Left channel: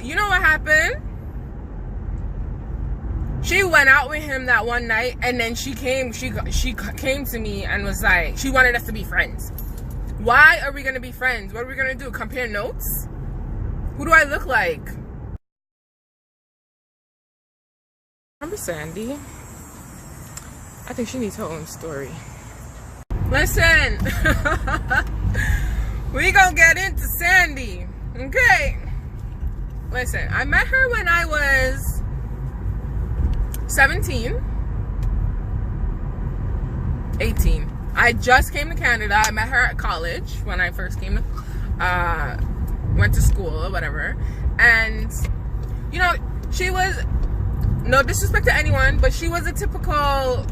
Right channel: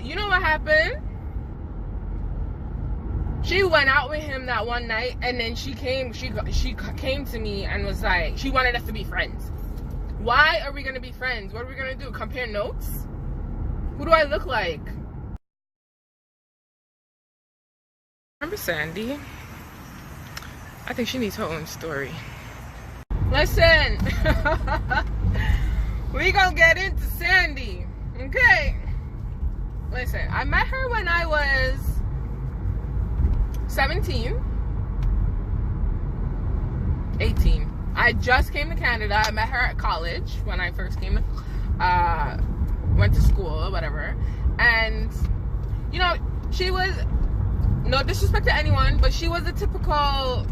then you know what happened? She went out with him that one night, and then she came to me and was like, she wanted us to be friends. Why are we gonna be friends? What are we gonna do? Compare notes? Who do I look like? Remember Sandy? I think she needs her own story. Listen, we gonna get into Sandy, okay? Listen, I met her when I was 17, 18. I just came to Canada. I met her at college when I first came, went to school or whatever. And, you know, she was, no disrespect to anyone, but she was a typical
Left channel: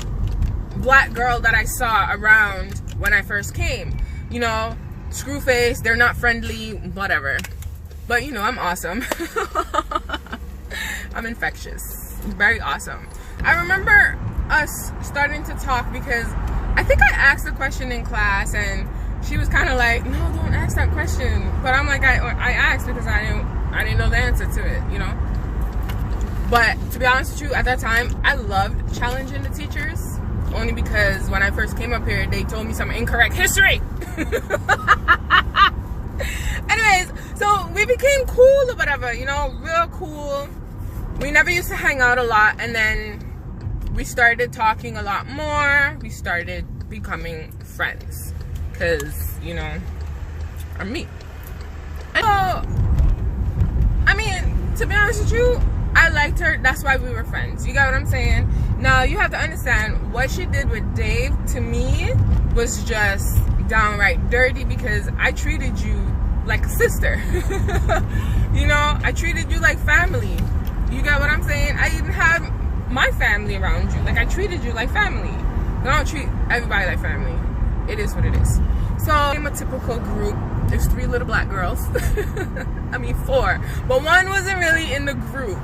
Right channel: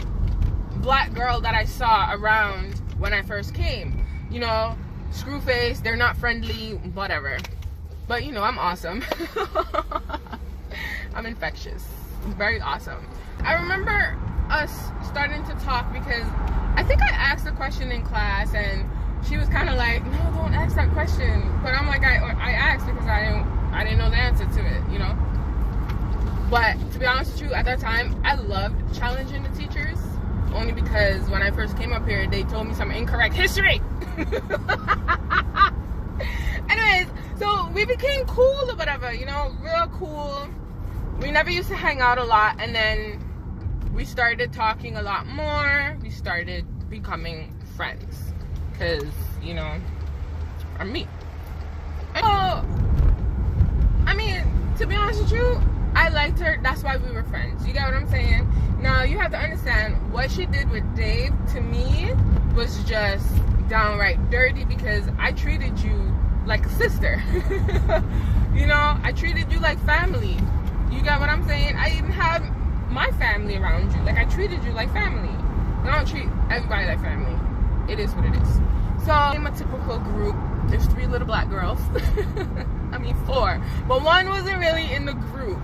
black girl that I saw around when I first came. You know, screw face, they're not friendly, whatever. But, you know, I'm awesome. I'm infectious. Very awesome. I remember us starting to talk because I think I asked a question in class and she was kind of like, no, don't ask that question. But I'm like, I asked because I didn't know the answer to it, you know. But to be honest with you, at that time, I loved challenging the teachers. Only because when I first came up here, they told me some incorrect history. Anyways, so we became cool or whatever, you know, real cool. We never used to hang out a lot, and then we started talking a lot more. We started becoming friends because, you know, I'm me. And so, I mean, to be honest with you, I liked her. That's why we were friends. You got what I'm saying? Now, you have to understand, what she did with Dave, to me, was just downright dirty because I treated you like a sister. You know, I treated you like family. You got what I'm saying? I even had my family around you. Like, I treated you like family. I don't treat everybody like family. It is what it is. So, I'm a typical group. There's 3 little black girls. I mean 4. But one wasn't really in the group.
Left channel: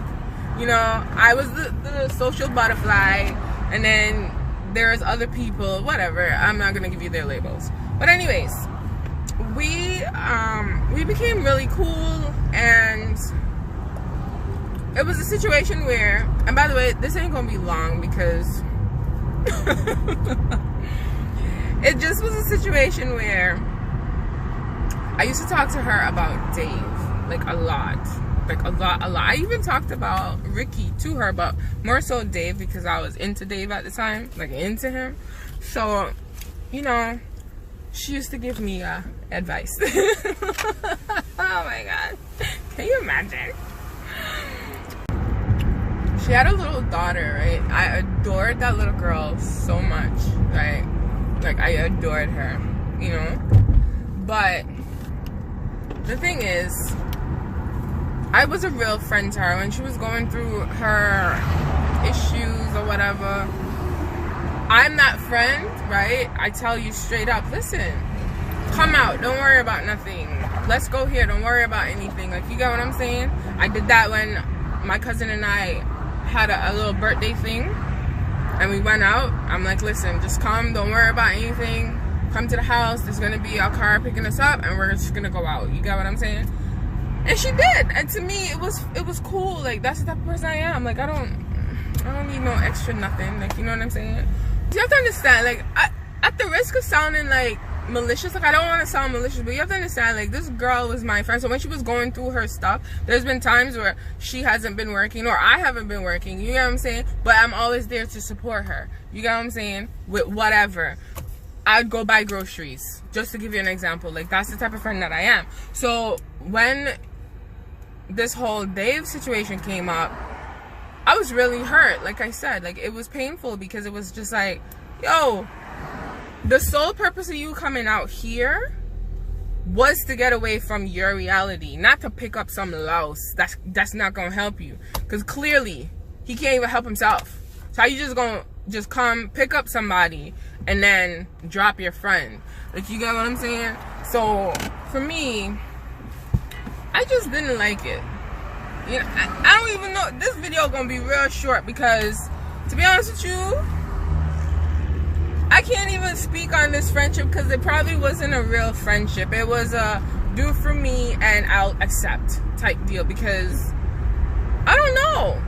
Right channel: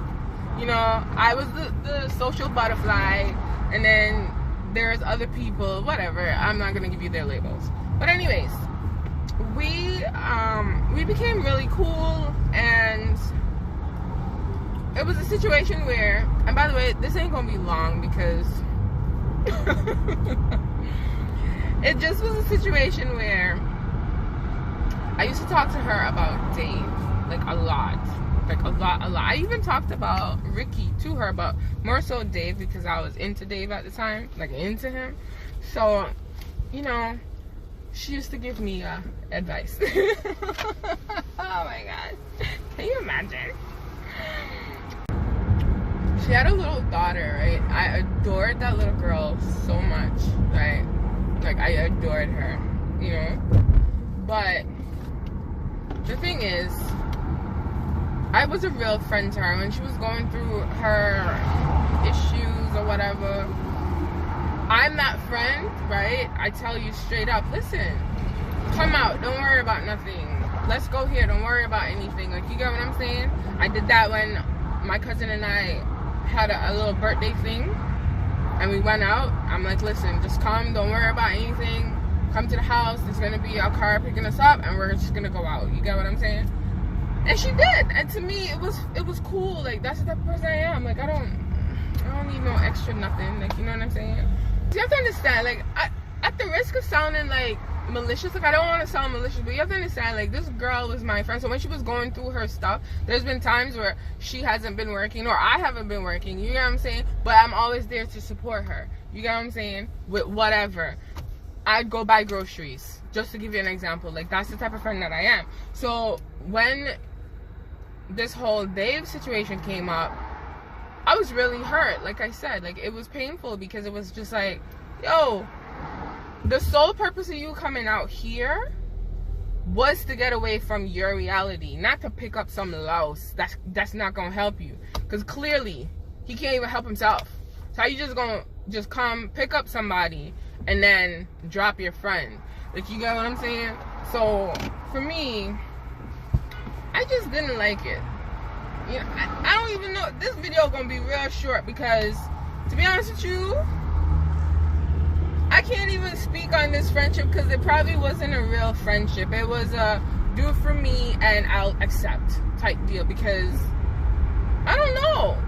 You know, I was the social butterfly. And then there's other people, whatever. I'm not going to give you their labels. But anyways, we became really cool. And it was a situation where, and by the way, this ain't gonna be long because it just was a situation where I used to talk to her about Dave, like a lot. I even talked about Ricky to her, but more so Dave because I was into Dave at the time, like into him. So, you know, she used to give me advice. Oh my God, can you imagine? She had a little daughter, right? I adored that little girl so much, right? Like, I adored her, you know? But the thing is, I was a real friend to her when she was going through her issues or whatever. I'm that friend, right? I tell you straight up, listen, come out, don't worry about nothing. Let's go here, don't worry about anything. Like, you get what I'm saying? I did that when my cousin and I had a little birthday thing and we went out. I'm like, listen, just come, don't worry about anything. Come to the house, there's gonna be a car picking us up and we're just gonna go out. You get what I'm saying? And she did. And to me, it was cool. Like, that's the type of person I am. Like, I don't need no extra nothing. Like, you know what I'm saying? You have to understand, like, at the risk of sounding like malicious, like, I don't want to sound malicious, but you have to understand, like, this girl was my friend. So when she was going through her stuff, there's been times where she hasn't been working or I haven't been working, you know what I'm saying? But I'm always there to support her, you get what I'm saying? With whatever. I'd go buy groceries, just to give you an example. Like, that's the type of friend that I am. So when this whole Dave situation came up, I was really hurt. Like I said, like, it was painful because it was just like, yo, the sole purpose of you coming out here was to get away from your reality, not to pick up some louse that's not gonna help you. Because clearly he can't even help himself. So how you just gonna just come pick up somebody and then drop your friend? Like, you get what I'm saying? So for me, I just didn't like it. You know, I don't even know. This video gonna be real short because, to be honest with you, I can't even speak on this friendship because it probably wasn't a real friendship. It was a do it for me and I'll accept type deal, because I don't know.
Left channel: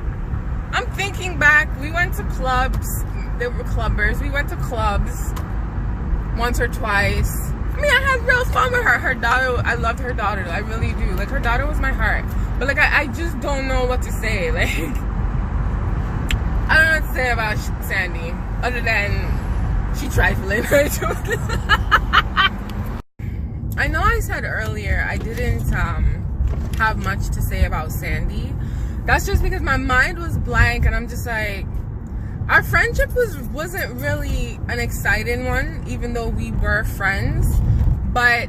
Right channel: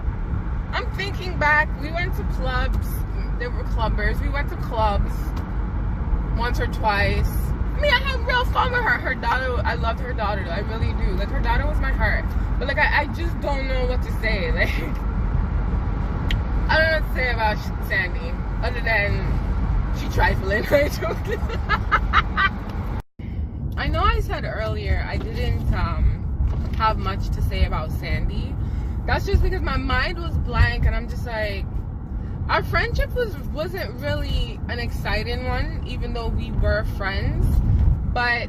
I'm thinking back, we went to clubs, they were clubbers, we went to clubs once or twice. I mean, I had real fun with her. Her daughter, I loved her daughter, I really do. Like, her daughter was my heart. But like, I just don't know what to say. Like, I don't know what to say about Sandy, other than she trifling. I know I said earlier I didn't have much to say about Sandy. That's just because my mind was blank, and I'm just like, our friendship wasn't really an exciting one, even though we were friends. But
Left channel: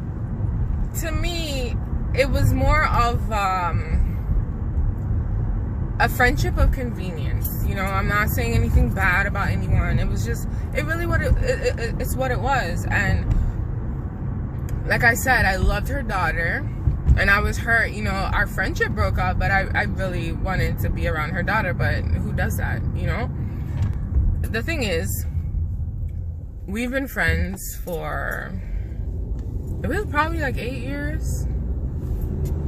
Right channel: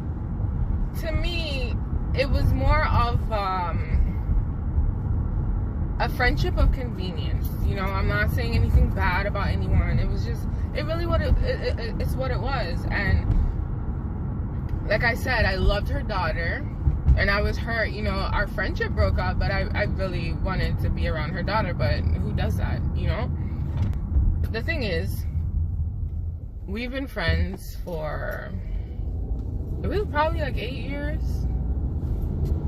to me, it was more of a friendship of convenience. You know, I'm not saying anything bad about anyone. It was just, it's what it was. And like I said, I loved her daughter, and I was hurt. You know, our friendship broke up, but I really wanted to be around her daughter. But who does that, you know? The thing is, we've been friends for, it was probably like 8 years,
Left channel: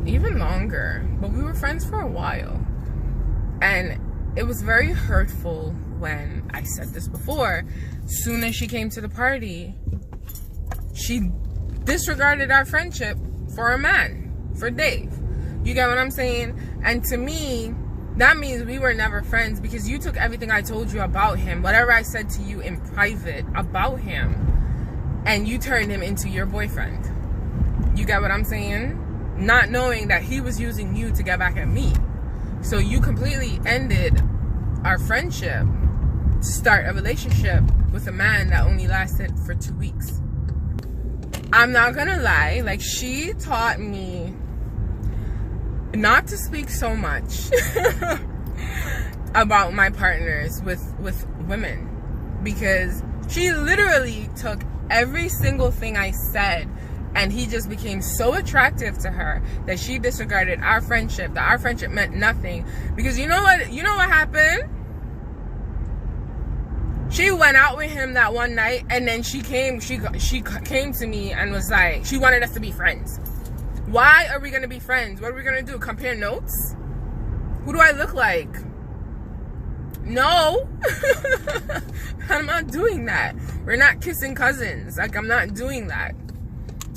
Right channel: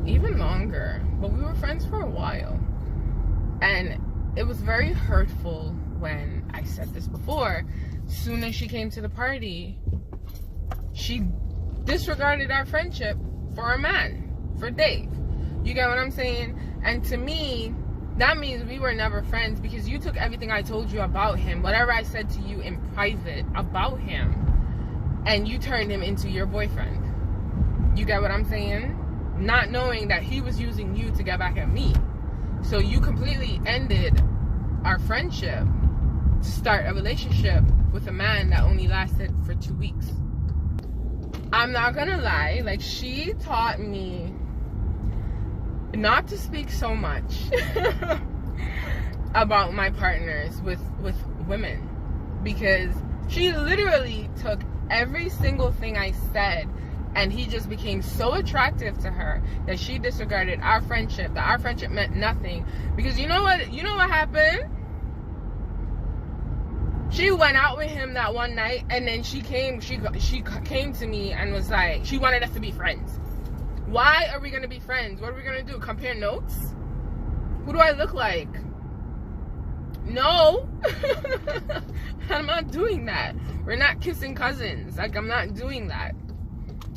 even longer, but we were friends for a while. And it was very hurtful when, I said this before, soon as she came to the party, she disregarded our friendship for a man, for Dave. You get what I'm saying? And to me, that means we were never friends, because you took everything I told you about him, whatever I said to you in private about him, and you turned him into your boyfriend. You get what I'm saying? Not knowing that he was using you to get back at me. So you completely ended our friendship to start a relationship with a man that only lasted for 2 weeks. I'm not gonna lie, like, she taught me not to speak so much about my partners with women, because she literally took every single thing I said, and he just became so attractive to her that she disregarded our friendship, that our friendship meant nothing. Because you know what happened? She went out with him that one night, and then she came to me and was like, she wanted us to be friends. Why are we gonna be friends? What are we gonna do? Compare notes? Who do I look like? No. I'm not doing that. We're not kissing cousins. Like, I'm not doing that.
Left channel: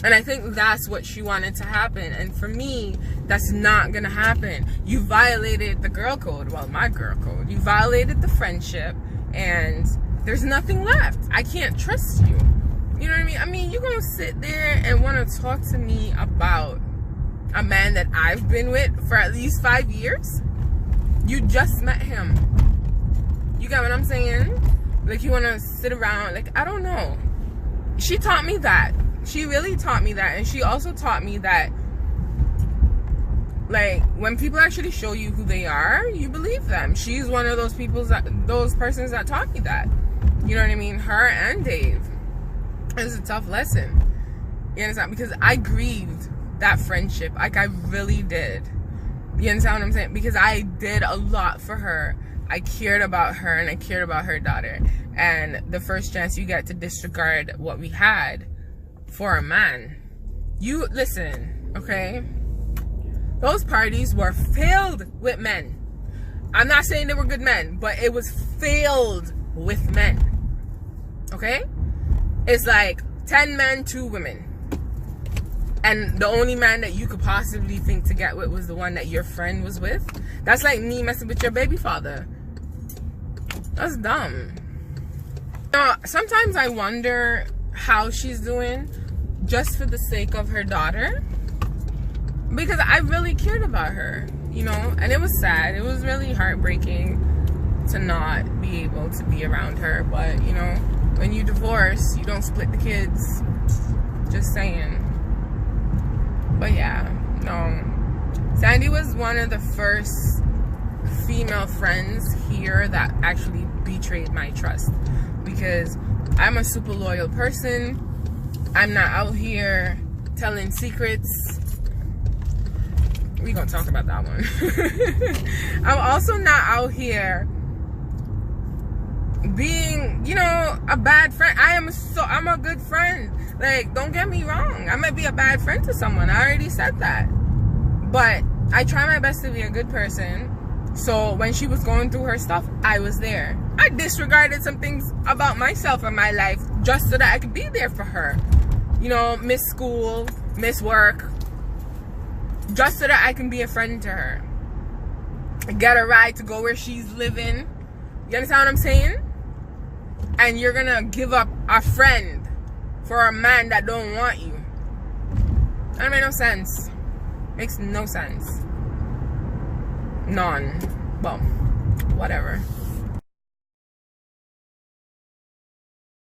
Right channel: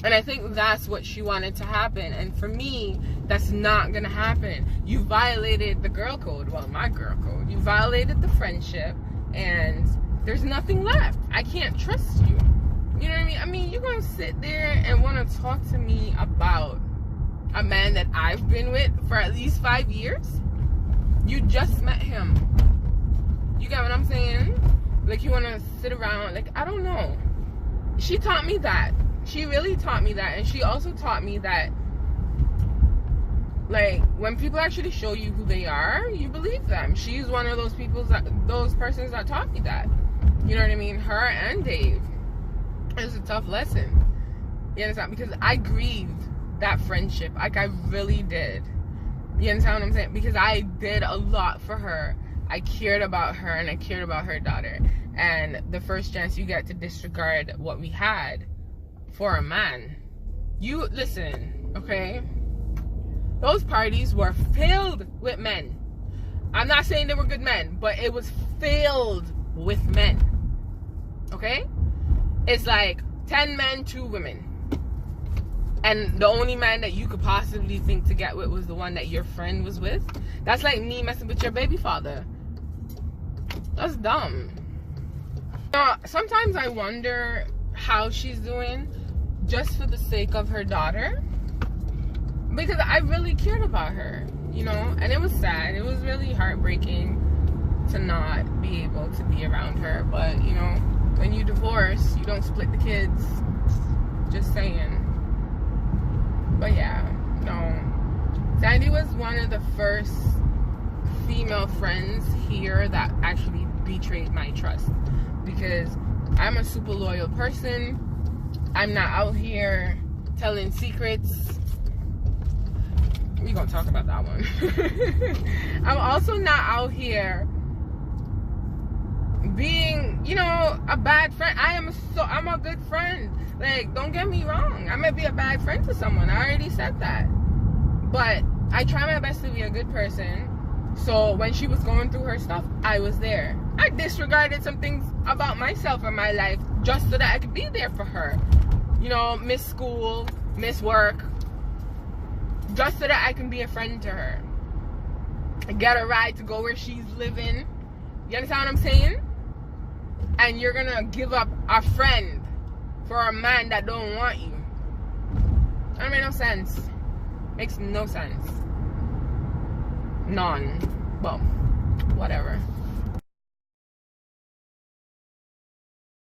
And I think that's what she wanted to happen. And for me, that's not gonna happen. You violated the girl code. Well, my girl code. You violated the friendship, and there's nothing left. I can't trust you. You know what I mean? I mean, you're gonna sit there and want to talk to me about a man that I've been with for at least 5 years? You just met him. You got what I'm saying? Like, you want to sit around, like, I don't know. She taught me that. She really taught me that. And she also taught me that, like, when people actually show you who they are, you believe them. She's one of those those persons that taught me that. You know what I mean? Her and Dave. It's a tough lesson. You understand? Because I grieved that friendship. Like, I really did. You understand what I'm saying? Because I did a lot for her. I cared about her, and I cared about her daughter. And the first chance you get to disregard what we had for a man. You, listen, okay? Those parties were filled with men. I'm not saying they were good men, but it was filled with men. Okay? It's like 10 men, 2 women. And the only man that you could possibly think to get with was the one that your friend was with. That's like me messing with your baby father. That's dumb. You know, sometimes I wonder how she's doing, just for the sake of her daughter. Because I really cared about her, you know? And it was sad. It was really heartbreaking to not be able to be around her. But, you know, when you divorce, you don't split the kids. Just saying. But yeah, no. Sandy was one of the first female friends here that actually betrayed my trust. Because I'm a super loyal person. I'm not out here telling secrets. We're gonna talk about that one. I'm also not out here being, you know, a bad friend. I'm a good friend. Like, don't get me wrong. I might be a bad friend to someone. I already said that. But I try my best to be a good person. So when she was going through her stuff, I was there. I disregarded some things about myself and my life just so that I could be there for her. You know, miss school, miss work. Just so that I can be a friend to her. Get a ride to go where she's living. You understand what I'm saying? And you're gonna give up a friend for a man that don't want you. That makes no sense. Makes no sense. None. Well, whatever.